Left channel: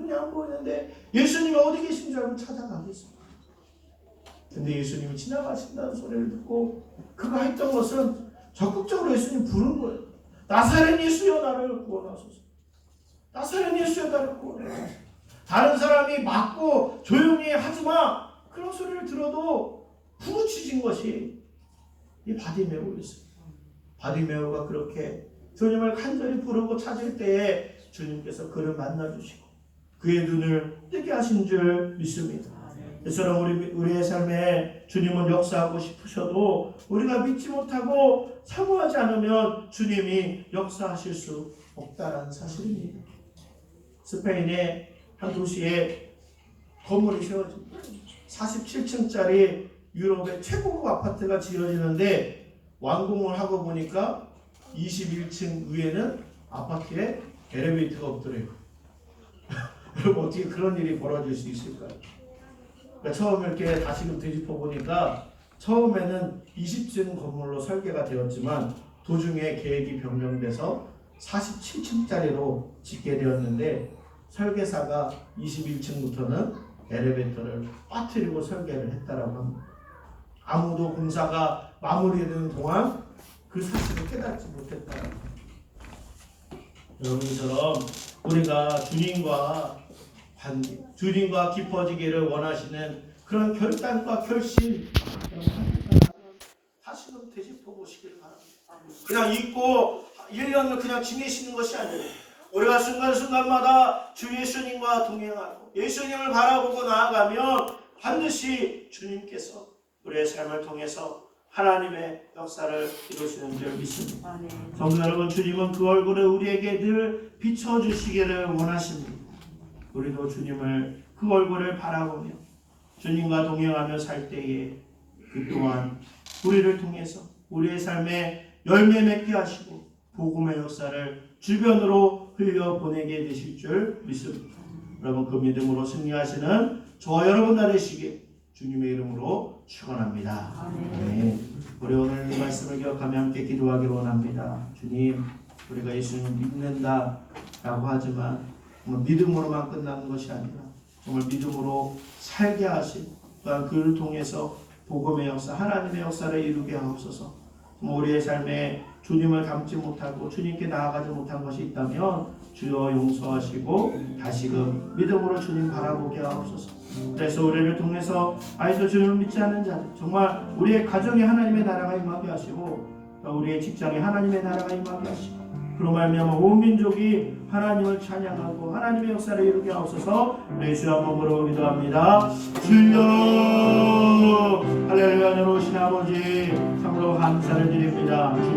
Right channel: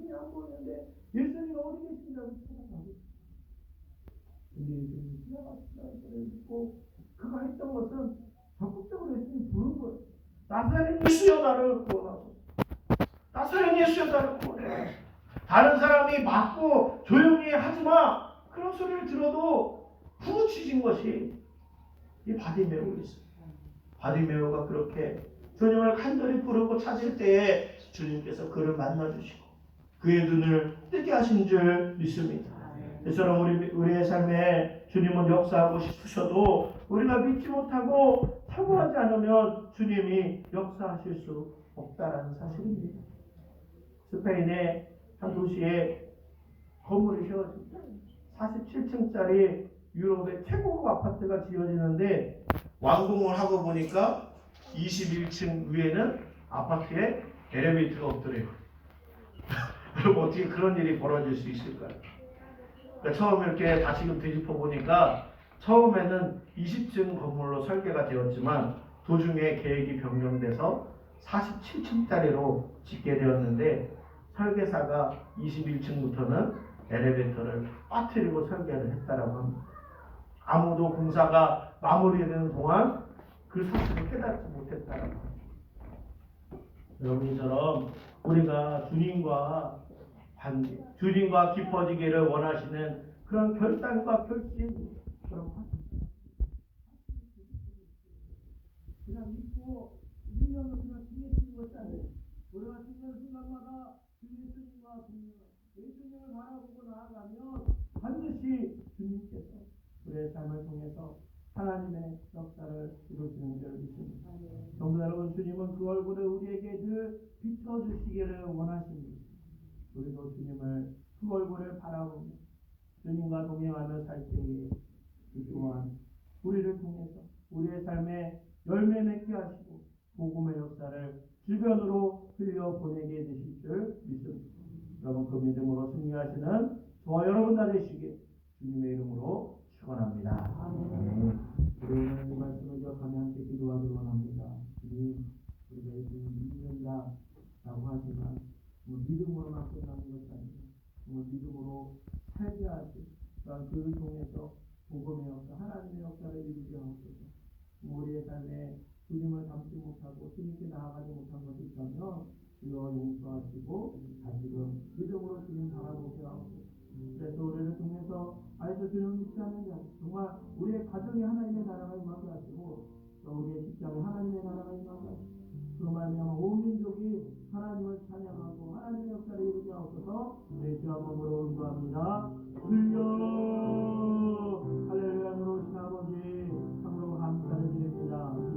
눈이 안 보이는데 예수님이 어디 계신 줄 알고 찾아가겠습니다. 근데 예수님이 지나가신다는 소리를 듣고 그가 했던 것은 적극적으로 예수님 부른 거예요. 나사렛 예수여 나를 구원하소서. 나사렛 예수여 나를 구원해. 다른 사람이 막고 조용히 하지 마. 그런 소리를 들어도 부르짖은 것이 이 바디메오였습니다. 바디메오가 그렇게 주님을 간절히 부르고 찾을 때에 주님께서 그를 만나 주시고 그의 눈을 뜨게 하신 줄 믿습니다. 이처럼 우리 우리의 삶에 주님은 역사하고 싶으셔도 우리가 믿지 못하고 사고하지 않으면 주님이 역사하실 수 없다라는 사실입니다. 스페인의 한 도시에 건물이 세워집니다. 47층짜리 유럽의 최고급 아파트가 지어지는데 완공을 하고 보니까 21층 위에는 아파트에 엘리베이터가 없더래요. 여러분 어떻게 그런 일이 벌어질 수 있을까요? 그러니까 처음 이렇게 다시금 되짚어 보니까 처음에는 20층 건물로 설계가 되었지만 도중에 계획이 변경돼서 47층짜리로 짓게 되었는데 설계사가 21층부터는 엘리베이터를 빠뜨리고 설계를 했다라고 합니다. 아무도 공사가 마무리되는 동안 그 사실을 깨닫지 못했다라고 합니다. 여러분처럼 우리가 주님과 주님과 깊어지기를 원하시는 그런 결단과 결심 다시금 되짚어 보시길 바랍니다. 그냥 잊고 1년을 그냥 지내시는 것이 아니에요. 우리가 순간순간마다 주 예수님과 동행하고 예수님을 바라보고 나아가면 반드시 주님께서 우리의 삶을 통해서 하나님의 역사를 이루시는 줄 믿습니다. 성도 여러분, 주님은 그 얼굴을 우리에게 늘 비춰주시기를 원하십니다. 우리도 주님을 그 얼굴을 바라보며 주님과 동행하며 살 때에 그 또한 우리를 통해서 우리의 삶에 열매 맺게 하시고 복음의 역사를 주변으로 흘려 보내게 되실 줄 믿습니다. 여러분 그 믿음으로 승리하시는 저와 여러분 다 되시길 주님의 이름으로 축원합니다. 아멘. 우리 오늘 이 말씀을 기억하며 함께 기도하기 원합니다. 주님, 우리가 예수님을 믿는다라고 하지만 정말 믿음으로만 끝나는 것이 아니라 정말 믿음으로 살게 하시고 또한 그를 통해서 복음의 역사, 하나님의 역사를 이루게 하옵소서. 우리의 삶에 주님을 닮지 못하고 주님께 나아가지 못한 것이 있다면 주여 용서하시고 다시금 믿음으로 주님 바라보게 하옵소서. 그래서 우리를 통해서 아이도 주님을 믿지 않는 자들 정말 우리의 가정에 하나님의 나라가 임하게 하시고 또 우리의 직장에 하나님의 나라가 임하게 하시고 그로 말미암아 온 민족이 하나님을 찬양하고 하나님의 역사를 이루게 하옵소서. 예수 한번 부르고 기도합니다. 주여 할렐루야 내려오신 아버지 참으로 감사를 드립니다